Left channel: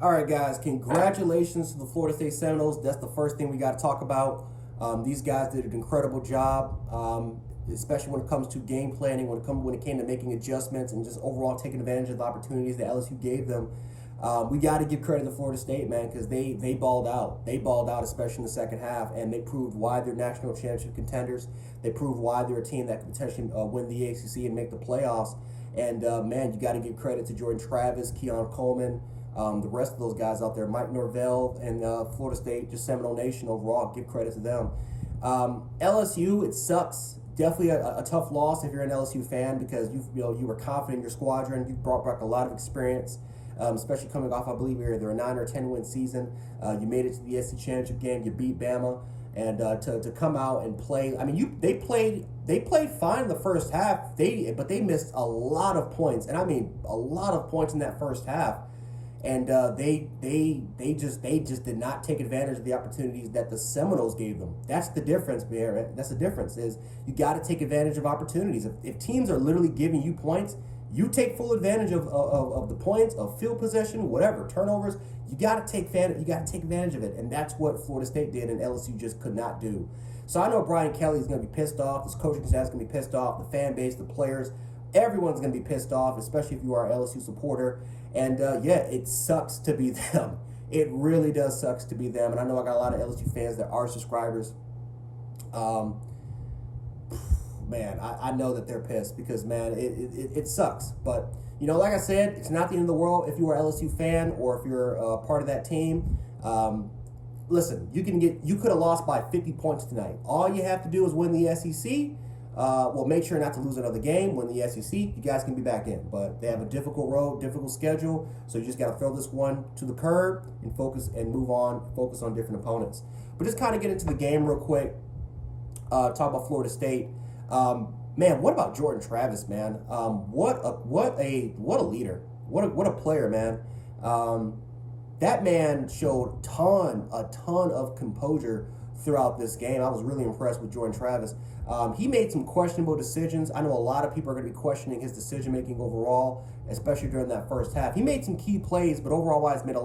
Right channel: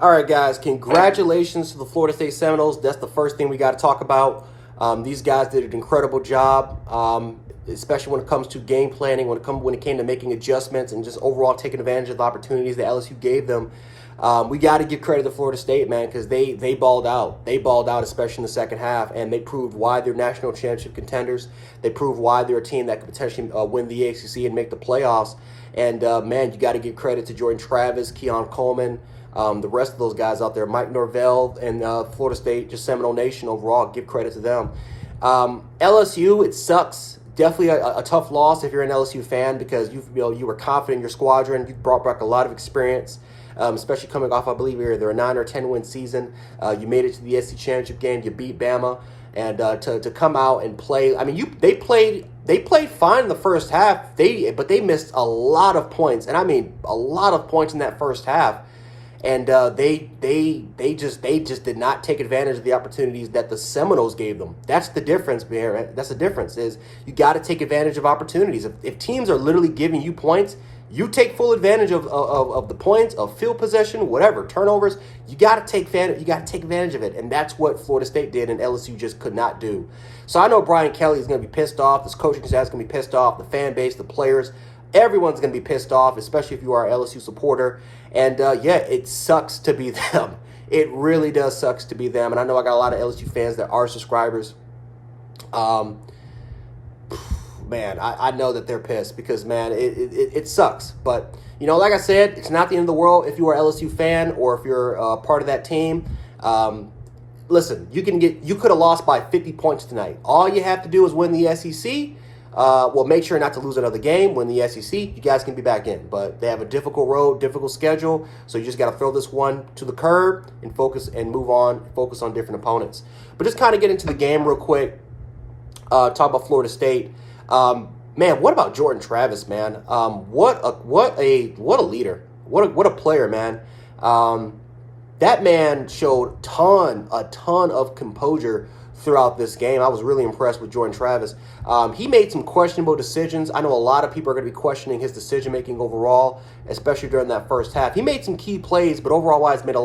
All right, guys, congratulations to the Florida State Seminoles. That's the first thing we got to talk about. These guys did an incredible job, especially when it comes to game planning, when it came to making adjustments and just overall taking advantage of the opportunities that LSU gave them. We got to give credit to Florida State, man, because they balled out. They balled out, especially in the second half, and they proved why they're national championship contenders. They proved why they're a team that could potentially win the ACC and make the playoffs. And, man, you got to give credit to Jordan Travis, Keon Coleman, the rest of those guys out there, Mike Norvell, and Florida State, just Seminole Nation overall. Give credit to them. LSU, it sucks. Definitely a tough loss if you're an LSU fan because you were confident in your squadron. You brought back a lot of experience, especially coming off, I believe, either a 9 or 10 win season. You made it to the SEC championship game. You beat Bama, and to come out and play. I mean, they played fine in the first half. But they missed a lot of points, and I mean a lot of points in that first half. And they just did not take advantage of the opportunities that the Seminoles gave them. That's the difference, Bear. That's the difference. Is you got to take advantage of opportunities. If teams are literally giving you points, you take full advantage of the points, of field possession, whatever, turnovers. You got to take advantage of it, and that's what Florida State did, and LSU just could not do. So I know Brian Kelly is going to be pissed off. This coaching staff is going to be pissed off. The fan base, the players. Everyone's going to be pissed off, especially if you are an LSU supporter. And, yeah, it sucks to be them. It really does sucks to be them. And I know I got a lot of LSU fans that are subscribers. Man, I know that they're pissed because, man, it sucks. But, like I said, it's not the end of the world if you are an LSU fan or if you're part of that team. Listen, you could have lost by 50 points tonight. All you have to do is win the SEC. Well, make sure not to lose another game. Win the SEC, you guys can be back in. But they have a difficult road, difficult schedule, so you just got to throw this one to the curb and focus and move on, focus on different opponents. But just kind of get into the game real quick, talk about Florida State. Man, what about Jordan Travis, man? What a leader. What a player, man. That man showed a ton of composure throughout this game. I was really impressed with Jordan Travis. He made some questionable decisions. I know a lot of people are going to be questioning his decision-making overall, especially during that first half. He made some key plays, but overall-wise made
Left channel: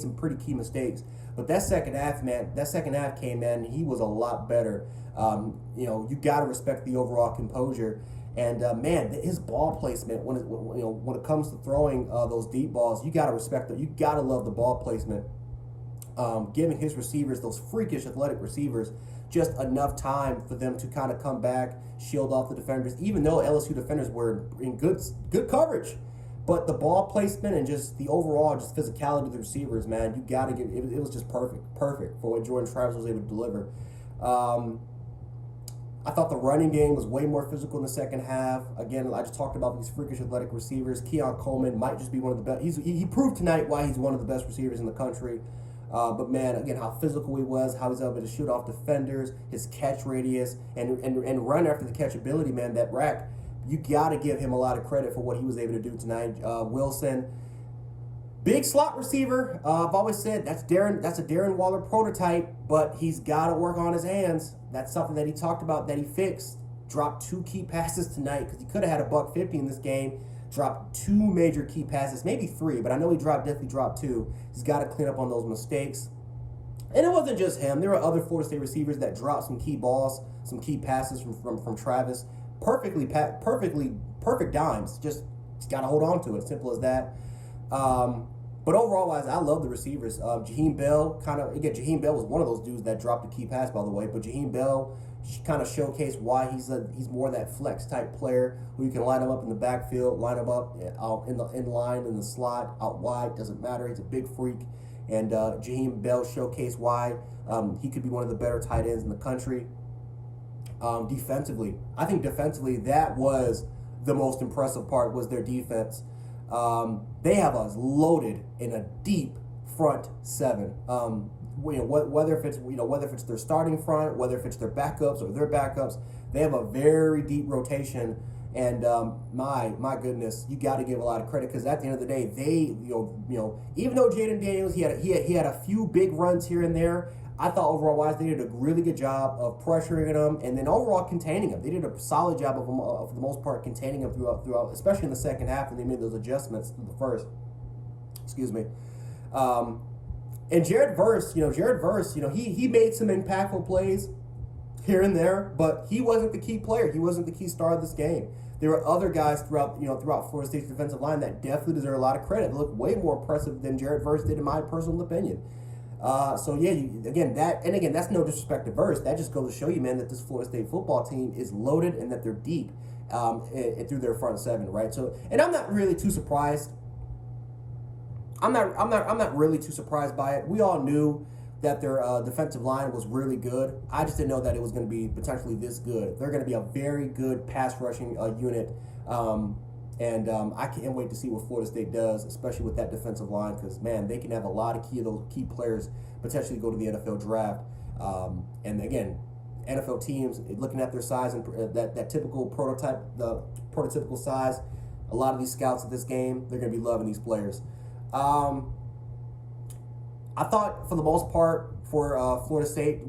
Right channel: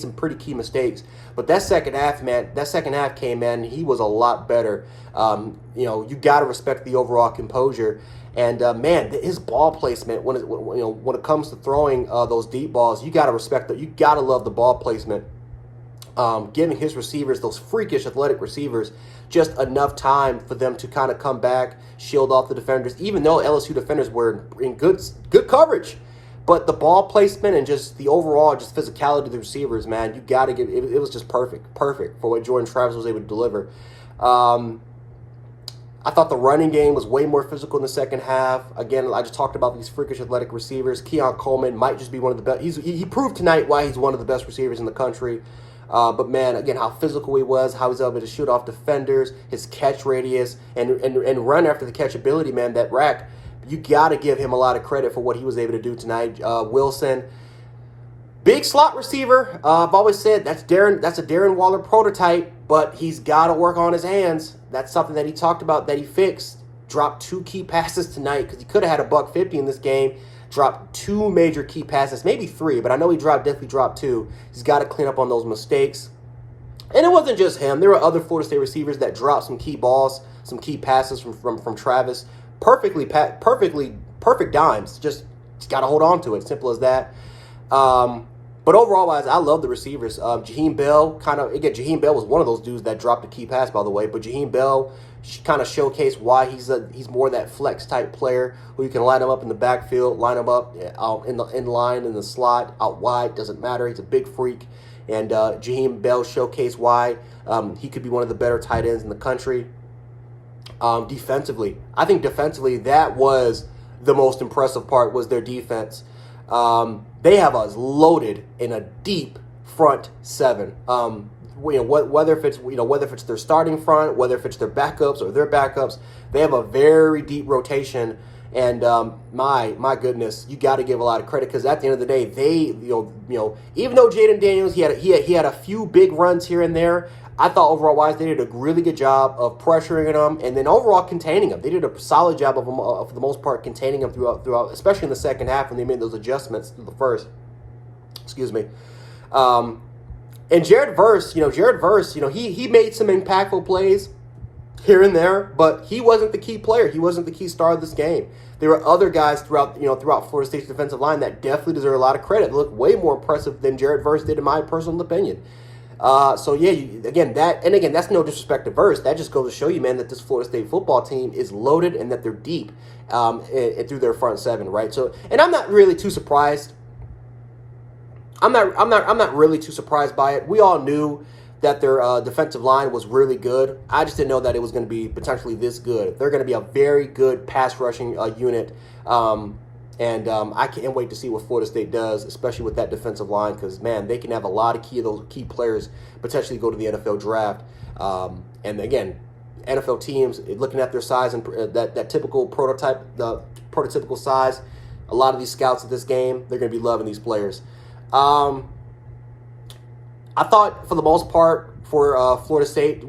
some pretty key mistakes. But that second half came in, he was a lot better. You got to respect the overall composure. And, man, his ball placement, when it comes to throwing those deep balls, you got to respect that. You got to love the ball placement. Giving his receivers, those freakish athletic receivers, just enough time for them to kind of come back, shield off the defenders, even though LSU defenders were in good coverage. But the ball placement and just the overall just physicality of the receivers, man, you got to give it was just perfect for what Jordan Travis was able to deliver. I thought the running game was way more physical in the second half. Again, I just talked about these freakish athletic receivers. Keon Coleman might just be one of the best. He proved tonight why he's one of the best receivers in the country. But, man, again, how physical he was, how he was able to shoot off defenders, his catch radius, and run after the catch ability, man, that rack. You got to give him a lot of credit for what he was able to do tonight. Wilson, big slot receiver. I've always said that's a Darren Waller prototype, but he's got to work on his hands. That's something that he talked about that he fixed. Dropped 2 key passes tonight because he could have had a $150 in this game. Dropped 2 major key passes, maybe 3, but I know he definitely dropped 2. He's got to clean up on those mistakes. And it wasn't just him. There were other Florida State receivers that dropped some key balls, some key passes from Travis. Perfect dimes. Just got to hold on to it. Simple as that. But overall, I love the receivers. Jaheim Bell Jaheim Bell was one of those dudes that dropped a key pass, by the way. But Jaheim Bell kind of showcased why he's more that flex type player who you can line him up in the backfield, line him up out in line in the slot, out wide, doesn't matter. He's a big freak, and Jaheim Bell showcased why he could be one of the better tight ends in the country. Defensively, I think that was the most impressive part was their defense. They have us loaded in a deep front 7. Whether if it's their starting front, whether if it's their backups or their backups, they have a very deep rotation. And my goodness, you got to give a lot of credit because at the end of the day, they even though Jaden Daniels he had a few big runs here and there, I thought overall wise they did a really good job of pressuring them and then overall containing them. They did a solid job of them for the most part containing them throughout, especially in the second half when they made those adjustments through the first. Excuse me. And Jared Verse, he made some impactful plays here and there, but he wasn't the key player. He wasn't the key star of this game. There were other guys throughout Florida State's defensive line that definitely deserve a lot of credit. They look way more impressive than Jared Verse did, in my personal opinion. That's no disrespect to Verse. That just goes to show you, man, that this Florida State football team is loaded and that they're deep through their front seven, right? So, and I'm not really too surprised. I'm not really too surprised by it. We all knew that their defensive line was really good. I just didn't know that it was going to be potentially this good. They're going to be a very good pass rushing unit. I can't wait to see what Florida State does, especially with that defensive line, because, man, they can have a lot of those key players potentially go to the NFL draft. And, again, NFL teams, looking at their size and that typical prototypical size, a lot of these scouts at this game, they're going to be loving these players. I thought, for the most part, for Florida State,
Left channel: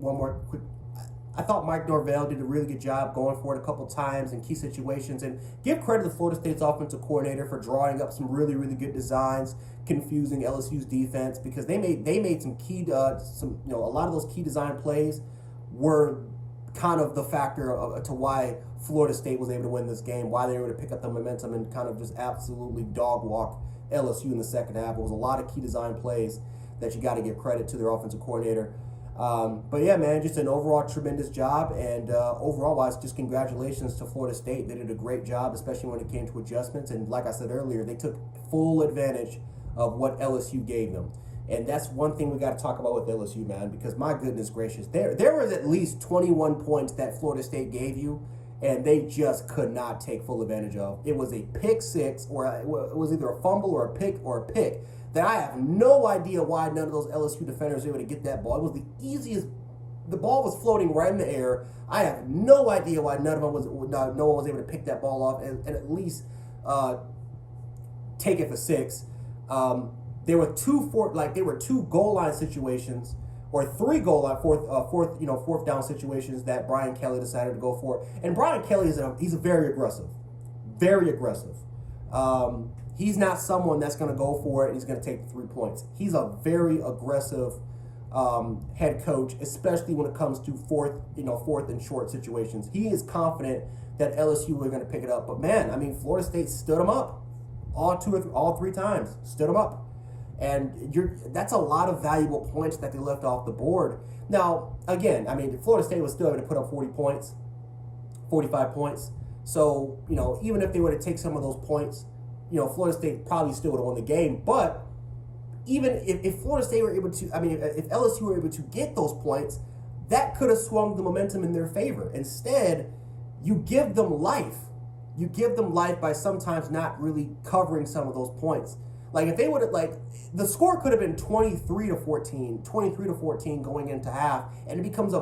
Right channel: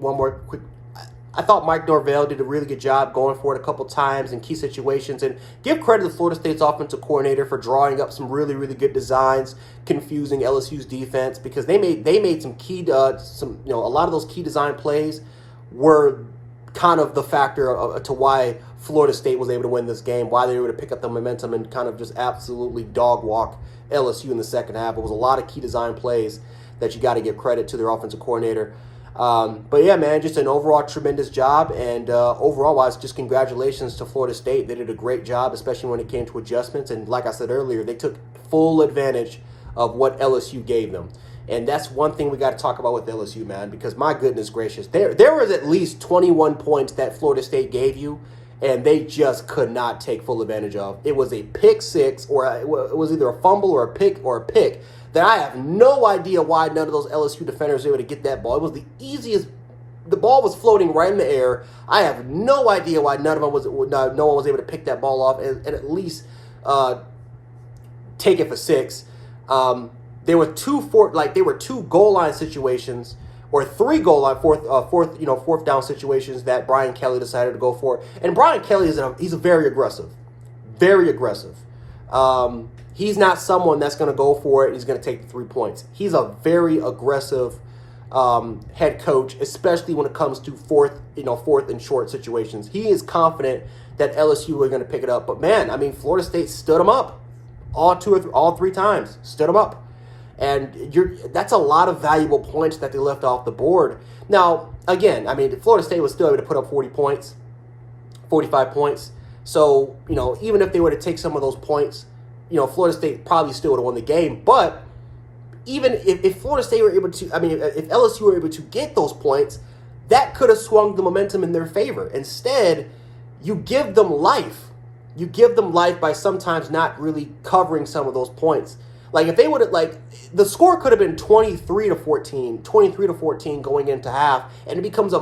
I thought Mike Norvell did a really good job going for it a couple times in key situations, and give credit to Florida State's offensive coordinator for drawing up some really, really good designs, confusing LSU's defense, because they made some key a lot of those key design plays were kind of the factor to why Florida State was able to win this game, why they were able to pick up the momentum and kind of just absolutely dog walk LSU in the second half. It was a lot of key design plays that you got to give credit to their offensive coordinator. But yeah, man, just an overall tremendous job. And overall wise, just congratulations to Florida State. They did a great job, especially when it came to adjustments. And like I said earlier, they took full advantage of what LSU gave them. And that's one thing we got to talk about with LSU, man, because my goodness gracious, there was at least 21 points that Florida State gave you, and they just could not take full advantage of. It was a pick six, or it was either a fumble or a pick that I have no idea why none of those LSU defenders were able to get that ball. It was the easiest. The ball was floating right in the air. I have no idea why no one was able to pick that ball off and at least take it for six. There were two goal line situations, or three goal line fourth down situations that Brian Kelly decided to go for. And Brian Kelly he's very aggressive. He's not someone that's going to go for it. He's going to take the 3 points. He's a very aggressive head coach, especially when it comes to fourth and short situations. He is confident that LSU are going to pick it up. But man, I mean, Florida State stood him up all three times. Stood him up, and that's a lot of valuable points that they left off the board. Now, again, I mean, Florida State was still able to put up 40 points, 45 points. So even if they were to take some of those points, Florida State probably still would have won the game. But even if Florida State were able to, if LSU were able to get those points, that could have swung the momentum in their favor. Instead, you give them life. You give them life by sometimes not really covering some of those points. Like if they would have, the score could have been 23-14 going into half, and it becomes a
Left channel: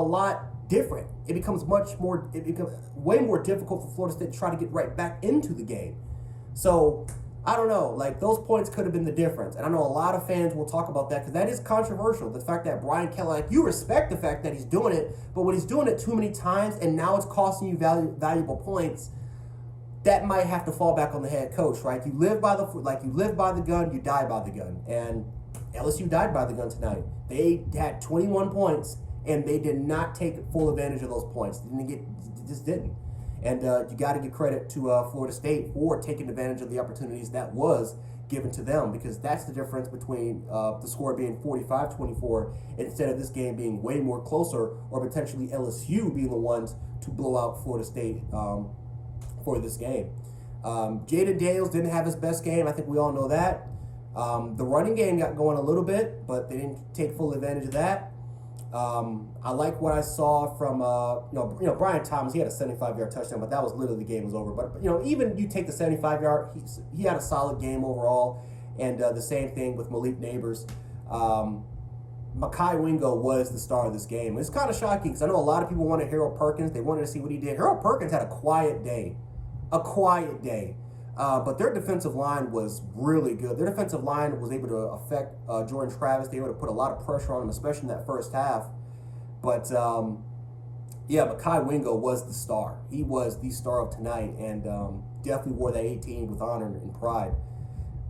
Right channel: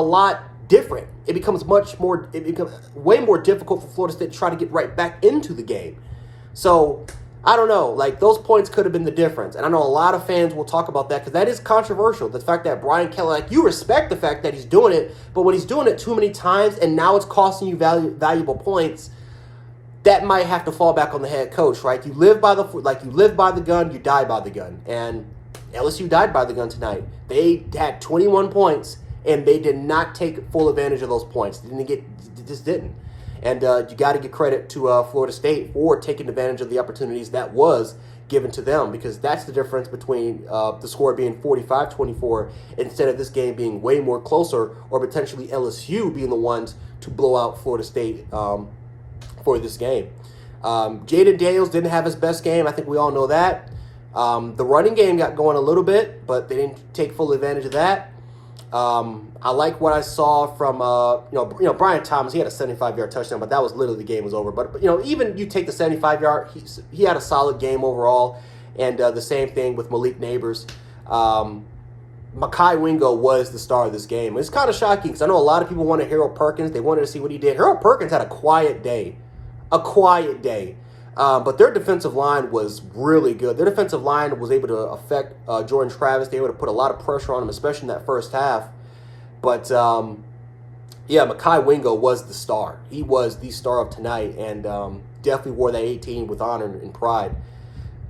lot different. It becomes way more difficult for Florida State to try to get right back into the game. So I don't know, those points could have been the difference. And I know a lot of fans will talk about that because that is controversial. The fact that Brian Kelly, you respect the fact that he's doing it, but when he's doing it too many times and now it's costing you valuable points, that might have to fall back on the head coach, right? You live by the gun, you die by the gun. And LSU died by the gun tonight. They had 21 points, and they did not take full advantage of those points. Just didn't. And you got to give credit to Florida State for taking advantage of the opportunities that was given to them, because that's the difference between the score being 45-24 instead of this game being way more closer, or potentially LSU being the ones to blow out Florida State for this game. Jaden Daniels didn't have his best game. I think we all know that. The running game got going a little bit, but they didn't take full advantage of that. I like what I saw from Brian Thomas. He had a 75-yard touchdown, but that was literally the game was over. But even you take the 75-yard, he had a solid game overall, and the same thing with Malik Neighbors. Mekhi Wingo was the star of this game. It's kind of shocking because I know a lot of people wanted Harold Perkins. They wanted to see what he did. Harold Perkins had a quiet day. But their defensive line was really good. Their defensive line was able to affect Jordan Travis. They were able to put a lot of pressure on him, especially in that first half. But, Mekhi Wingo was the star. He was the star of tonight, and definitely wore that 18 with honor and pride.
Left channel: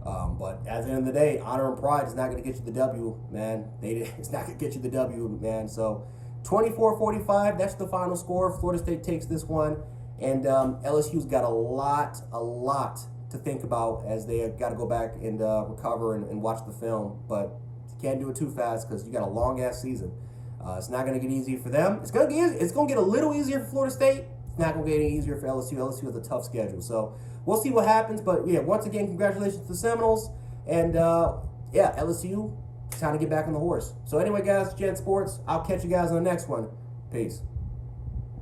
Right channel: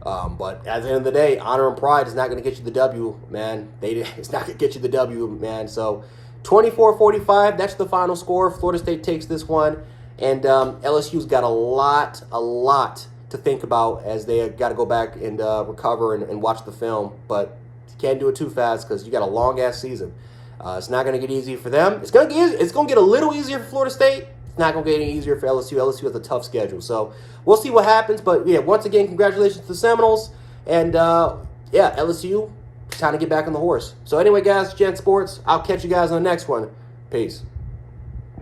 But at the end of the day, honor and pride is not going to get you the W, man. It's not going to get you the W, man. So 24-45, that's the final score. Florida State takes this one. And LSU's got a lot to think about as they got to go back and recover and watch the film. But you can't do it too fast because you got a long-ass season. It's not going to get easy for them. It's going to get a little easier for Florida State. It's not going to get any easier for LSU. LSU has a tough schedule. So we'll see what happens. But, yeah, once again, congratulations to the Seminoles. And, yeah, LSU, time to get back on the horse. So anyway, guys, Gen Sports, I'll catch you guys on the next one. Peace.